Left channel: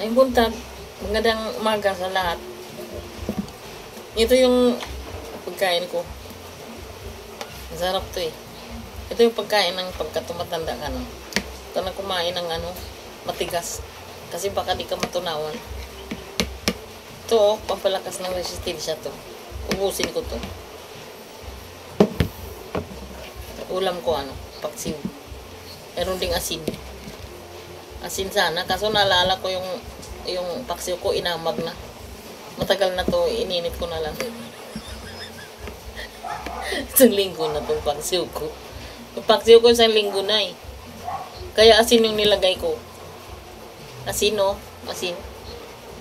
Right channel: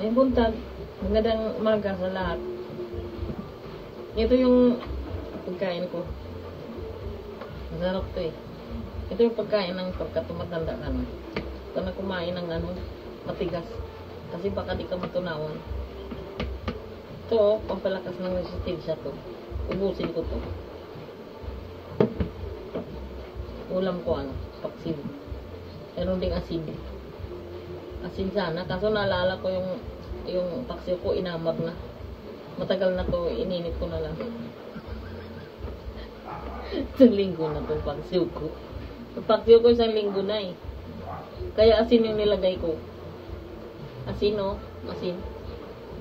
Ay, buntag. Magandang umaga sa lahat. Ito yung pagkain ko. Masarap to eh. Ito yung pagkain ng pagkatumatanda ka no. Ito na kumain ng matigas. Kasi baka di ka matunawan. Ito pampalakas ng resistensya to. Ubusin ko to. Ulam ko paksiw. Meron ding asin. Asin sana. Kaso naalala ko yung paksiw ko inamag na. Matagal na to, ininit ko na lang. Isang linggo na tong paksiw ko. Yung paksiw ko isang linggo na eh. Kaya asin yung nilagay ko. Asin asin.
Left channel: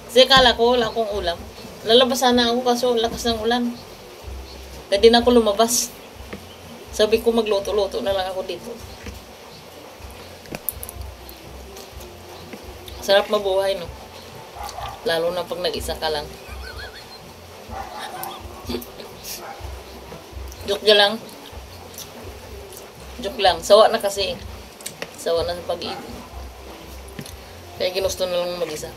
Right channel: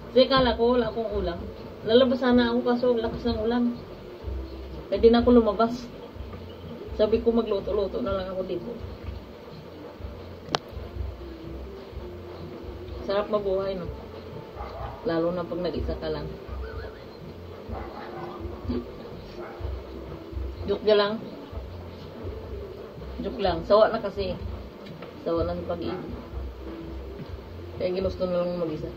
Kasi kala ko wala akong ulam. Lalabas sana ako kaso lakas ng ulan. Kaya din ako lumabas. Sabi ko magluto-luto na lang ako dito. Sarap mabuhay no. Lalo na pag nag-isa ka lang. Joke lang. Joke lang. Sawa na kasi. Sawa na sa pag-ibig. Kaya ginusto na lang mag-isa.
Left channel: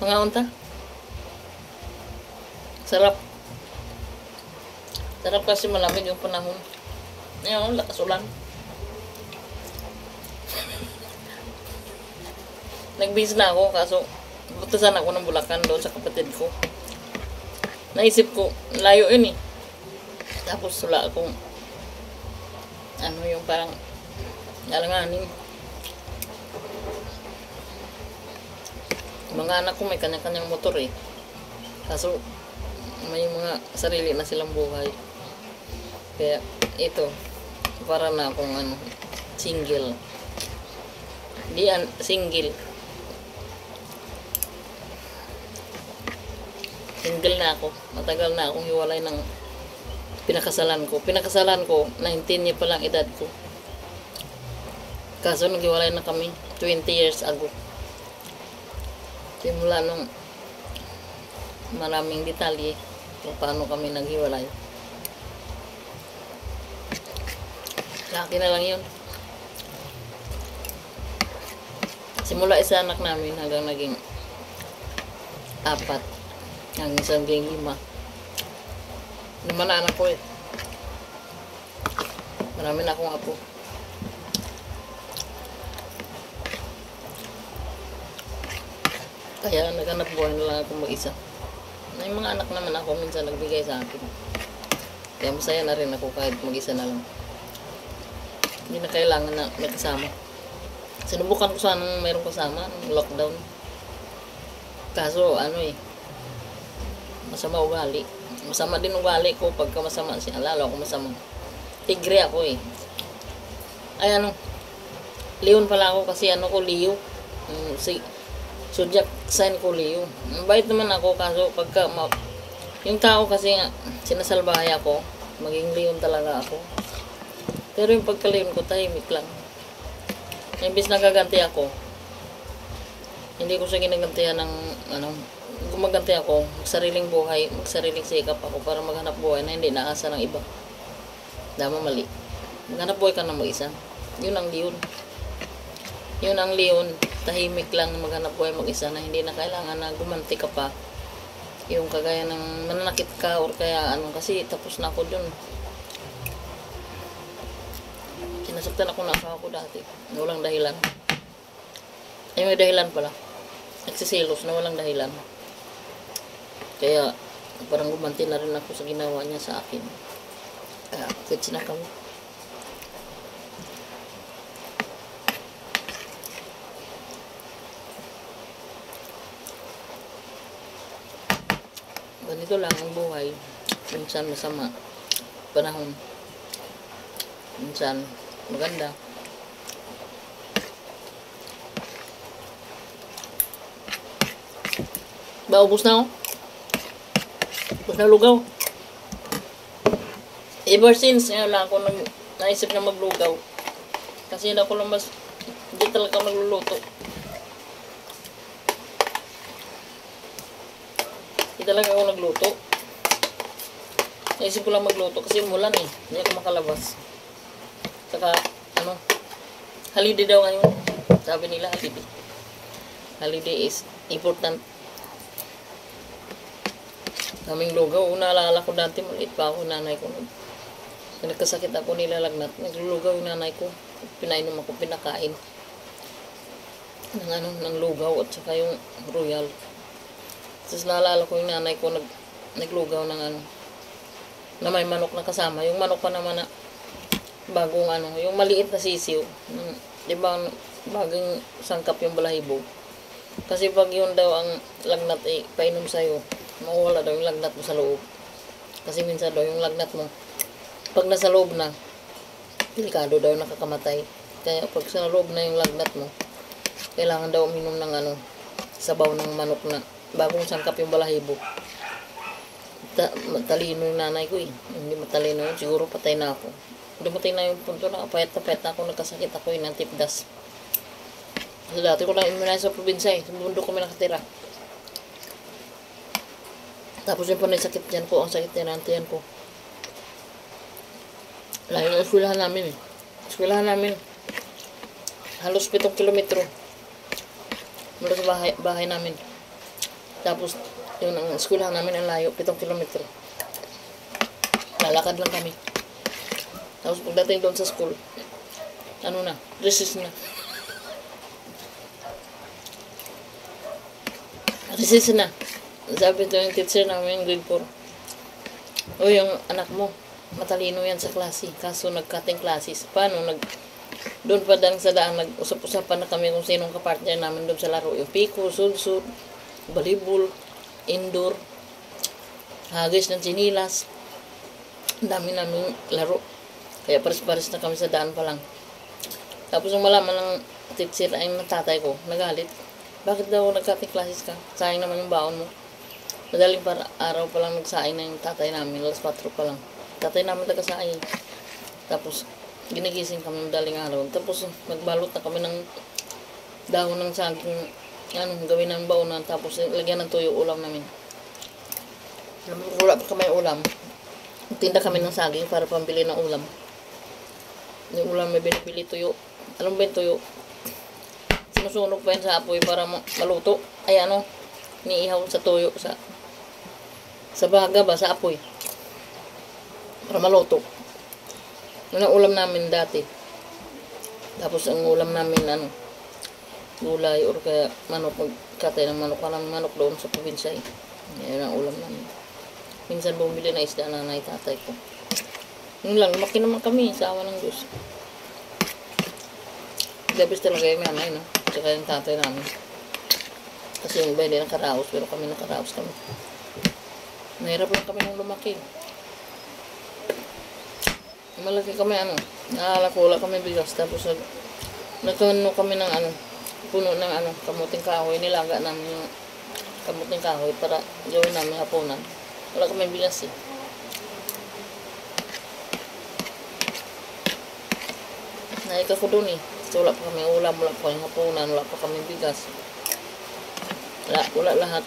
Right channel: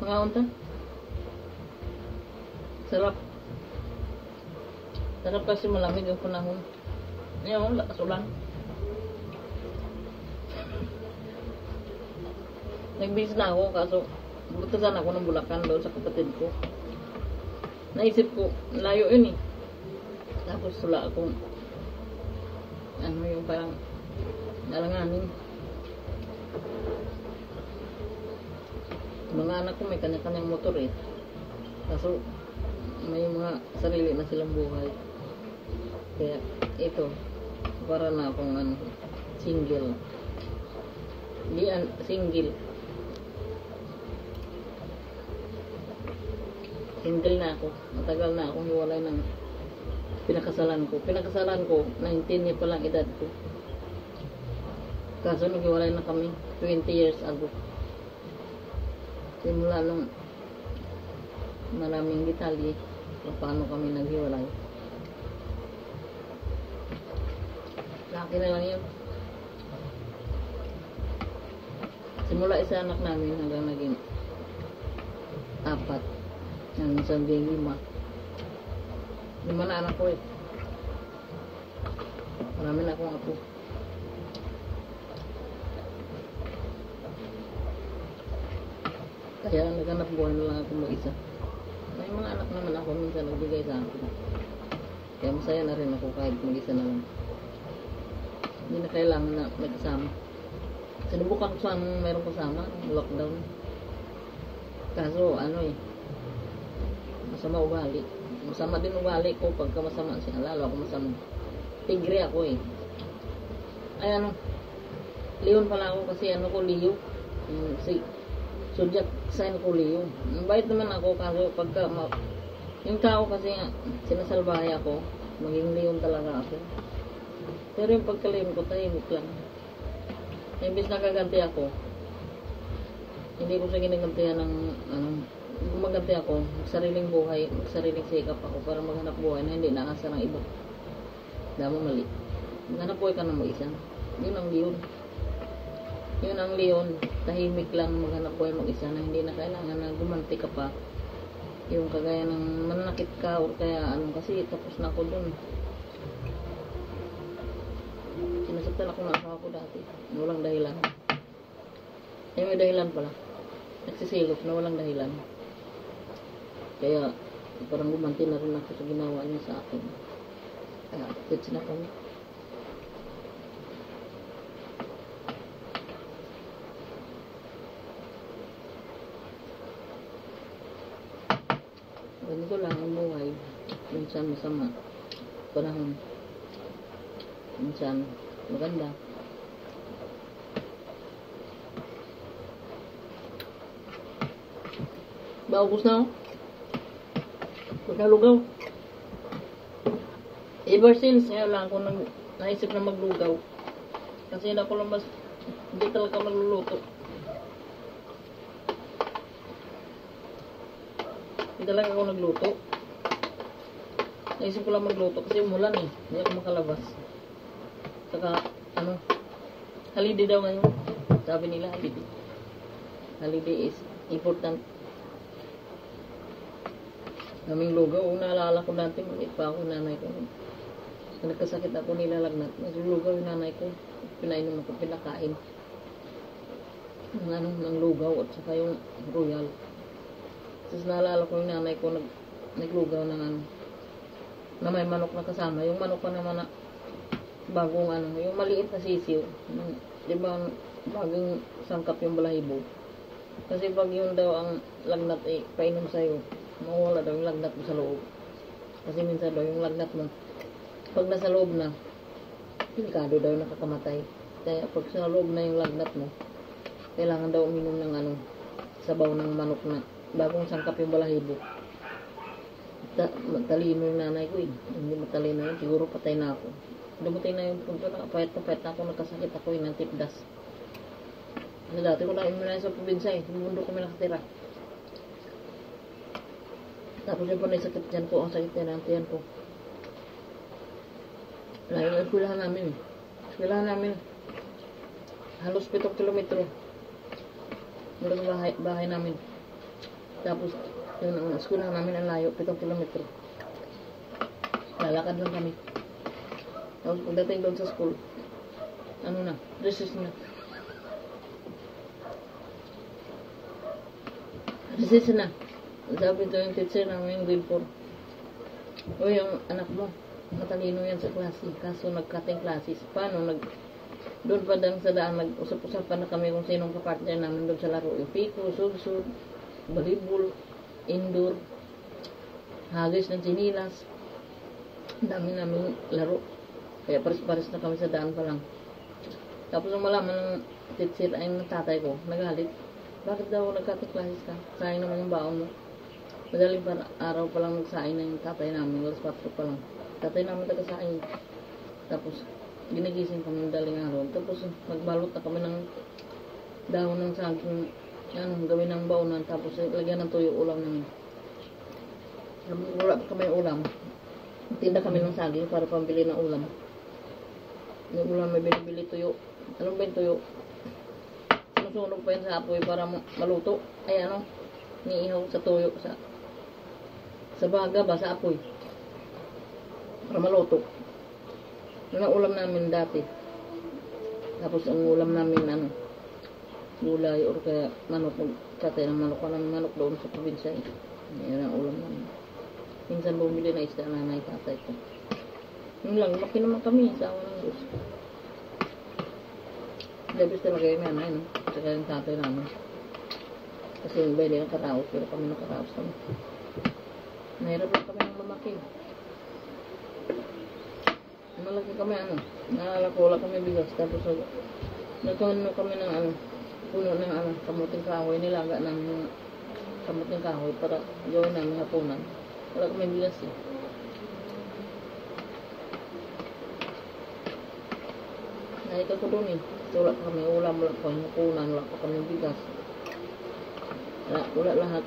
Mga unta. Sarap. Sarap kasi malamig yung panahon. Ngayon, lakas ulan. Nagbihis na ako kaso butasan ako ng Bulacan doon sa kapatid ko. Naisip ko, layo yun eh. Tapos wala akong yung parang alanganin. Mga anak ko may kanya-kanyang motor eh. Kaso may mga sarili na silang buhay. Kaya ito, para na akong single. Di single. Single na ako. Matagal na akong hiwalay ng pinakasalan ko. Pinakasalan ko, 19 niya pa lang edad ko. Kaso naghiwalay na kami 20 years ago. Simula nung maraming detalye kung paano kami naghiwalay. Laki na lang yun. Simula isa anak namin hanggang naging 4. Hanggang isang naging 5. 5 na anak ko eh. Marami na akong apo. Kaya naghanap buhay na lang ako mag-isa. May mga anak naman ako minsan nagbigay sa akin. Kaya masaya na rin ako kahit mag-isa na lang. Hindi na kailangan na may kasama. Sinubukan ko sanang mayroong kasama lockdown. Kaso masama ugali. Masama din ugali ko pagka masama siya. Lalo ako masama. Tigre ako eh. Ay Leon pala ako kasi ko Leo. Zodiac sign ko Leo. Mabait naman ako kaso pagka yung tao kasi sinasalbahay ako, maging Leon talaga ako. Pero yung pagka-Leon ko tahimik lang. Imbis nagaganti ako, hindi ko siya ginagantihan ng gumaganti ako, magsariling buhay, magsariling sikap ako para maghanap buhay na hindi naasa ng iba. Dama mali. Maghanap buhay ka na mag-isa. Yun ang Leon. Yun ang Leon. Tahimik lang na maghanap buhay mag-isa na hindi na kailangan na gumanti ka pa. Yung kagaya ng mananakit ka or kaya kasi tapos na ako dun. Sinasaktan ako na asawa ko dati. Na walang dahilan. Ay may dahilan pala. Nagsisilos na walang dahilan. Kaya parang gumanti na rin ako sa ginawa niya sa akin. Kaya quits na kami. Ganito lang ang buhay. Minsan masama. Panahon. Minsan maganda. Ubus na ako. Ubus na lugaw. Ever since, lang ako naisip na maglugaw. Kasi hindi ako lang hindi talaga magluluto. Hindi talaga ako nagluto. Naisip ko lang magluto kasi umulan eh. Hindi ako makalabas. Saka, ano, holiday daw ngayon. Sabi nila, holiday. Holiday is important. Kaming lugaw. Naalala ko dati, maliit pa ako, nanay ko. Nagkasakit ako, nilalagnat. Naglulugaw yung nanay ko. Pinainom ako, pinakain. Ng lugaw at saka yung royal. Tapos naalala ko yung nanay ko, naglugaw ng na may manok na kasama. Yung manok pa naman na bagong yung maliit na sisiw. Diba, bagong sangkap yung balahibo. Kasi pag yun daw ang lagnat painom sa'yo, mawala daw yung lagnat mo sa loob. Kasi minsan daw yung lagnat mo, pag nasa loob na, delikado daw nakakamatay. Kaya pag sa loob na yung lagnat mo, kailangan daw uminom ng sabaw ng manok na bagong sangkap yung balahibo. Matalino yung nanay ko eh. Hindi matalino yun, siguro patay na ako. Dumating na yung punto na payat na ako, nagkasakit ako ng tipdas. Kasi dati ko lang imunay sa probinsya sa bundok kami nakatira. Tapos yung panay sakit yan ko, ang sakit yan ko. Layo ng eskwelahan namin eh. Eskwelahan namin, halos 7 kilometro mula sa bahay namin. Tapos, yung ang eskwelahan namin ang layo, 7 kilometro. Lalakad lang kami. Tapos pagdating doon sa school, recess na. Recess na. Sabi ito yung teacher namin, grade 4. O yung anak mo, matalino yan sa klase. Kaso nag-cutting classes. Paano? Doon pa dang sa daan, nag-usap-usapan na kami kung sinong kapartner namin doon sa laro. Yung piko, sud-sud, volleyball, indoor, hagis ng sinilas. Ang dami namin laro. Kaya pares-pares na kami sa daan pa lang. Tapos nung malaman ng teacher ay ng tatay ko, nagalit. Bakit daw nag-cutting classes ka? Sayang naman yung baon mo. Madaling araw pa lang nagsaing na yung tatay namin. Alas 4 pa lang. Tatay namin nagsaing. Tapos ginigising kami madaling araw. Tapos nagbalot na kami ng dahon ng saging. Gawin ng baonan. Tapos lagyan ng tuyo ulam namin. Wala pa kami ulam. Tinda kami ng saging para pambili ng ulam. Yung ulam may binibili tuyo. Anong ba yung tuyo? Sinusunog pa yun sa apoy para maluto. Ay niihaw sa tuyo sa baga ba, sa apoy. Para maluto. Yun ang ulam namin dati. Tapos ang ulam namin gulay or kaya manok. Magkatay ng manok. Parang manok doon sa probinsya eh. Yun ang ulam namin. Minsan bumili na isda nanay tatay ko. Yun lang, lumaki naman kami sa awa ng Diyos. Dabis talaga yung nanay, no? Tsaka yung tatay namin. Kasi yung iba hindi nakaraos, pero kami nakaraos kami. Mahirap lang kami nung lumaki. Malaki kami, naalala kami bigas. Tapos nagkano kami ng puno ng kamuting kahoy. Nilaga namin yung kamuting kahoy para gawin namin hapunan. Wala kami bigas eh. Naika ko dun eh. Kasi wala pa kami ulam, wala pa kami hapunan, wala pa kami bigas. Wala lahat.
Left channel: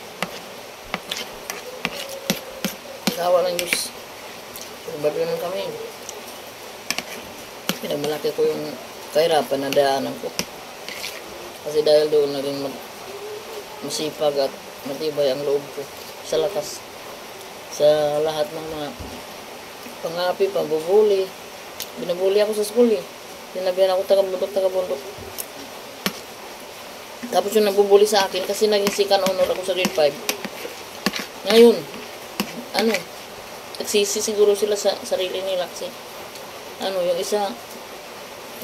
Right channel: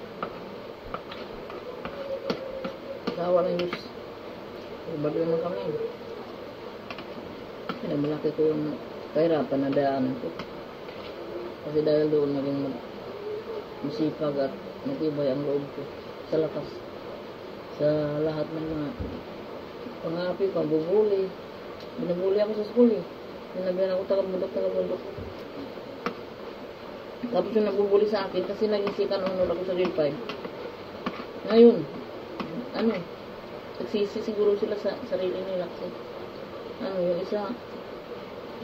Kawa ng Diyos. Bado naman kami. Pinagmalaki ko yung kahirapan na daanan ko. Kasi dahil doon na rin masipag at matibay ang loob ko. Sa lakas. Sa lahat ng mga pangapi, pambubuli. Binabuli ako sa school eh. Sinabihan ako taga-bundok. Tapos yung nabubuli sa akin kasi naging second honor ako sa grade 5. Ngayon, nagsisi siguro sila sa sarili nila kasi yung isa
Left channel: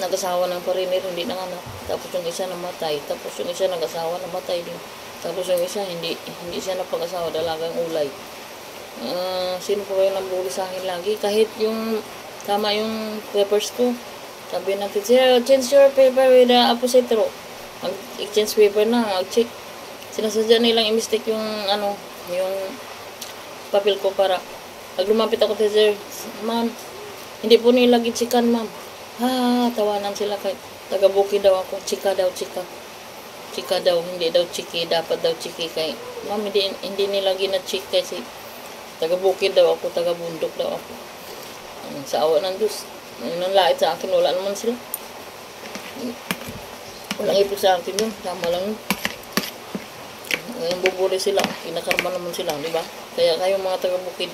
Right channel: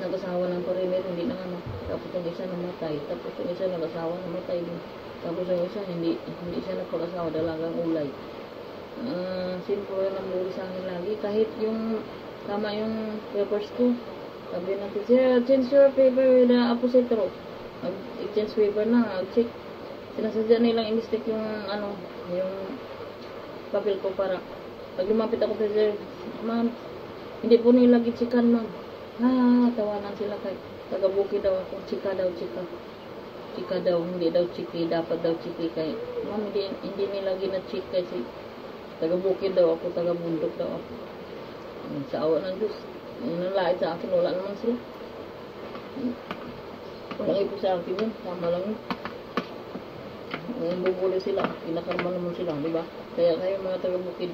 nag-asawa ng pariner, hindi nanganak. Tapos yung isa namatay. Tapos yung isa nag-asawa, namatay din. Tapos yung isa hindi siya napag-asawa, dalagang ulay. Sino po yung nabuli sa akin lagi? Kahit yung tama yung papers ko. Sabi natin, change your paper with the opposite row. Mag-exchange paper na, mag-check. Sinasadya nilang i-mistake yung yung papel ko para pag lumapit ako kay sir, ma'am, hindi po nila gichikan, ma'am. Tawanan sila kahit taga-buki daw ako. Chika daw. Chika daw, hindi daw chiki, dapat daw chiki kay ma'am, hindi nila gina-check kasi taga-buki daw ako, taga-bundok daw ako. Sa awa ng Diyos, Yung nanlait sa akin, wala naman sila. Walang ibig sa akin yun. Tama lang yun. Ngayon bubuli sila. Kinakarma naman sila, di ba? Kaya kayong mga taga-bukid,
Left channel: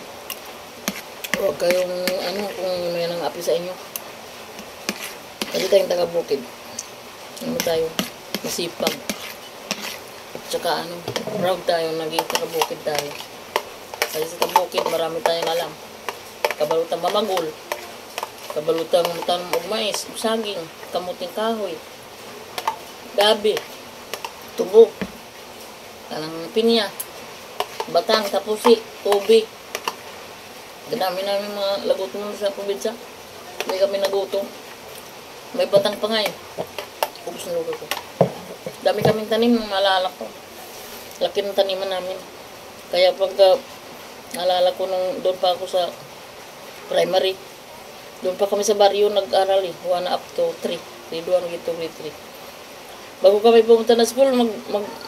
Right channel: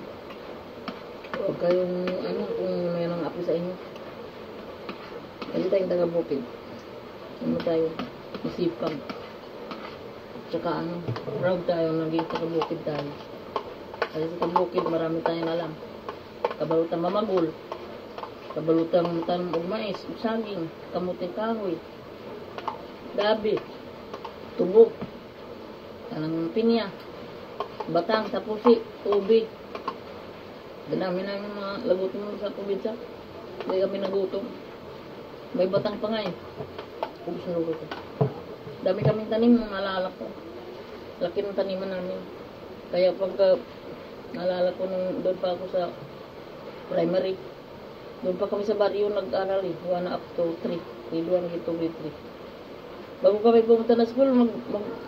huwag kayong, kung may nang api sa inyo. Kasi tayong taga-bukid. Tayo, masipag. Tsaka proud tayo, naging taga-bukid tayo. Kasi sa taga-bukid, marami tayong alam. Kabalutang mamagul. Kabalutang tanong og mais, saging, kamuting kahoy, gabi, tubo, kanang pinya, batang, tapusi, tubig. Gadami namin mga lagutom sa probinsya. Hindi kami nagutom. May batang pa nga eh. Ubus na lugar ko. Dami kaming tanim, maalala ko. Laki ng taniman namin. Kaya pagka naalala ko nung doon pa ako sa primary, doon pa kami sa baryo nag-aral eh. 1 up to 3. Grade 1, grade 2, grade 3. Bago kami pumunta na school,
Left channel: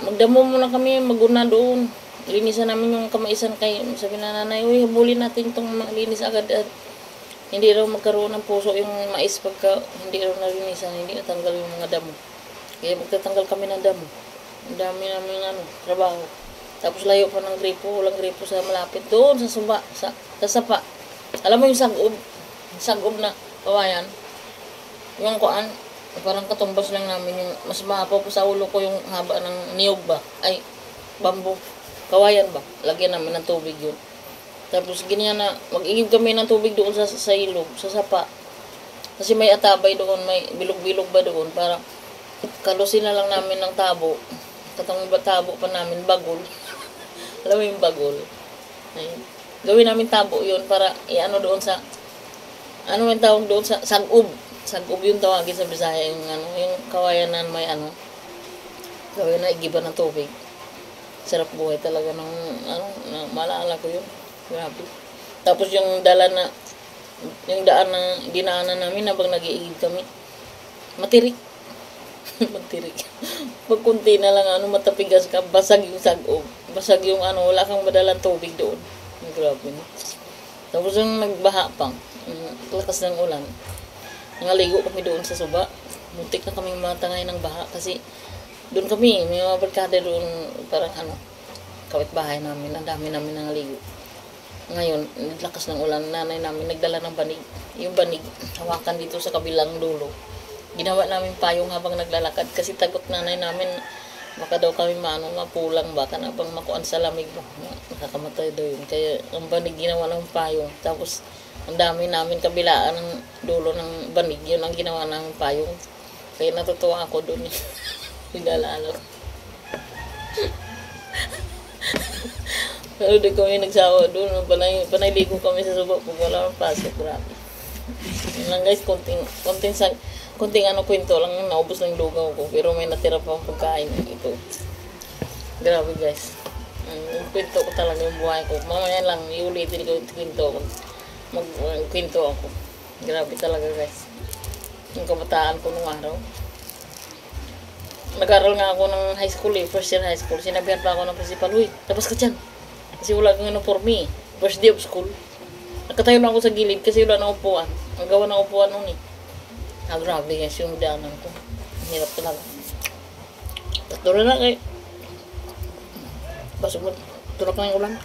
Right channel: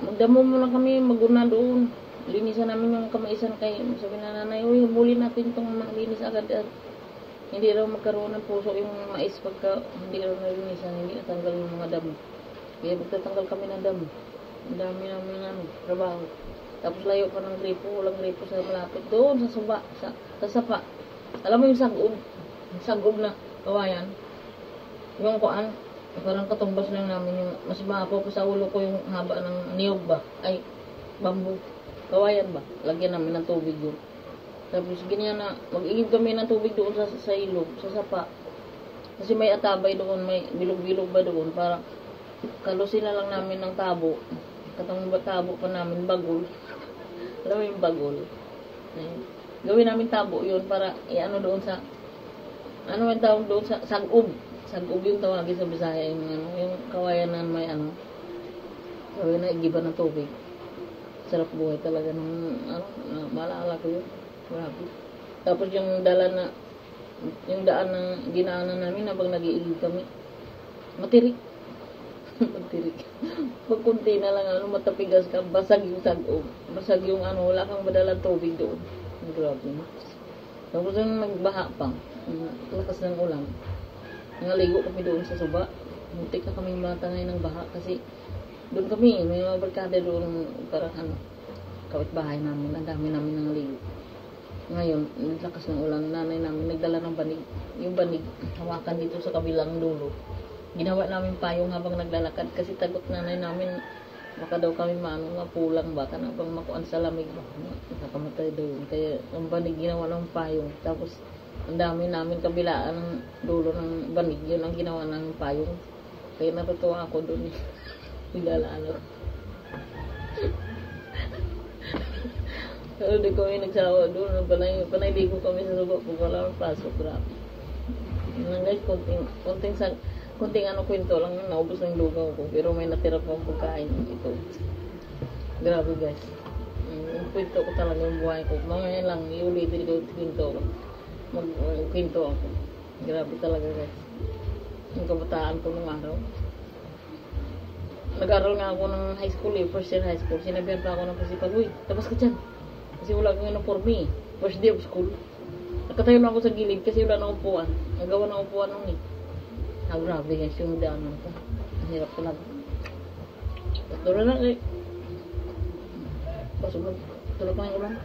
magdamo muna kami, maguna doon. Linisan namin yung kamaisan kay sabi na nanay, uy, habulin natin itong malinis agad at hindi raw magkaroon ng puso yung mais pagka hindi raw nalinisan, hindi natanggal yung mga damo. Kaya magtatanggal kami ng damo. Ang dami namin trabaho. Tapos layo pa ng gripo, walang gripo sa malapit. Doon sa suba, sa sapa. Alam mo yung sagob na kawayan. Yung kuan, parang katumbas lang namin yung mas mahapaw po sa ulo ko yung haba ng niyog ba? Ay, bamboo. Kawayan ba? Lagyan namin ng tubig yun. Tapos ganyan na, mag-igib kami ng tubig doon sa ilog, sa sapa. Kasi may atabay doon, may bilog-bilog ba doon, para kalusin na lang namin ng tabo. Katong tabo pa namin, bagol. Alam mo yung bagol? Ayun. Gawin namin tabo yun para doon sa, yung tawag doon sa sagob. Sagob yung tawagin sa Bisaya, yung kawayan na may gawin na igiban ng tubig. Sarap buhay talaga ng, maalala ko yun. Grabe. Tapos yung daan na dinaanan namin habang nag-iigib kami, matirik. Matirik. Pag kunti na lang, matapigas ka, basag yung sagob. Basag yung wala kang madalang tubig doon. Grabe. Tapos yung nagbaha pang, lakas ng ulan. Nangaligo kami doon sa suba. Muntik na kami matangay ng baha kasi doon kami, may mga barkada doon, parang kawit bahay namin, ang dami namin nangaligo. Ngayon, lakas ng ulan, nanay namin nagdala ng banig. Yung banig, hawakan dito sa kabilang dulo. Ginawa namin payong habang naglalakad kasi tagot nanay namin, baka daw kami mapulang baka na bang makuan sa lamig ba. Nakakamatay daw yun. Kaya ang banig ginawa ng payong. Tapos, ang dami namin kabilaan ng dulo ng banig. Yun ang ginawa ng payong. Kaya natutuwa ako doon eh. Pinalala ko. Pero di kami nagsawa doon. Panayligo kami sa suba pag wala ng pasok. Grabe. Yun lang guys, konting kwento lang, naubos ng lugaw ko. Pero may natira pa pagkain. Ito. Grabe guys. Yung kwento ko talaga yung buhay ko. Mamaya lang, iulitin ko yung kwento ko. Magkwento ako. Grabe talaga guys. Yung kabataan ko nung araw. Nag-aral nga ako ng high school first year high school. Sinabihan pa ako ng principal, uy, labas ka dyan. Kasi wala kang uniforme first day of school. Nakatayo na ako sa gilid kasi wala na upuan. Ang gawa ng upuan nun eh. Grabe guys, yung daanan ko. Ang hirap talaga. Tatlo na kayo. Pasok mo, tulak na yung ulan.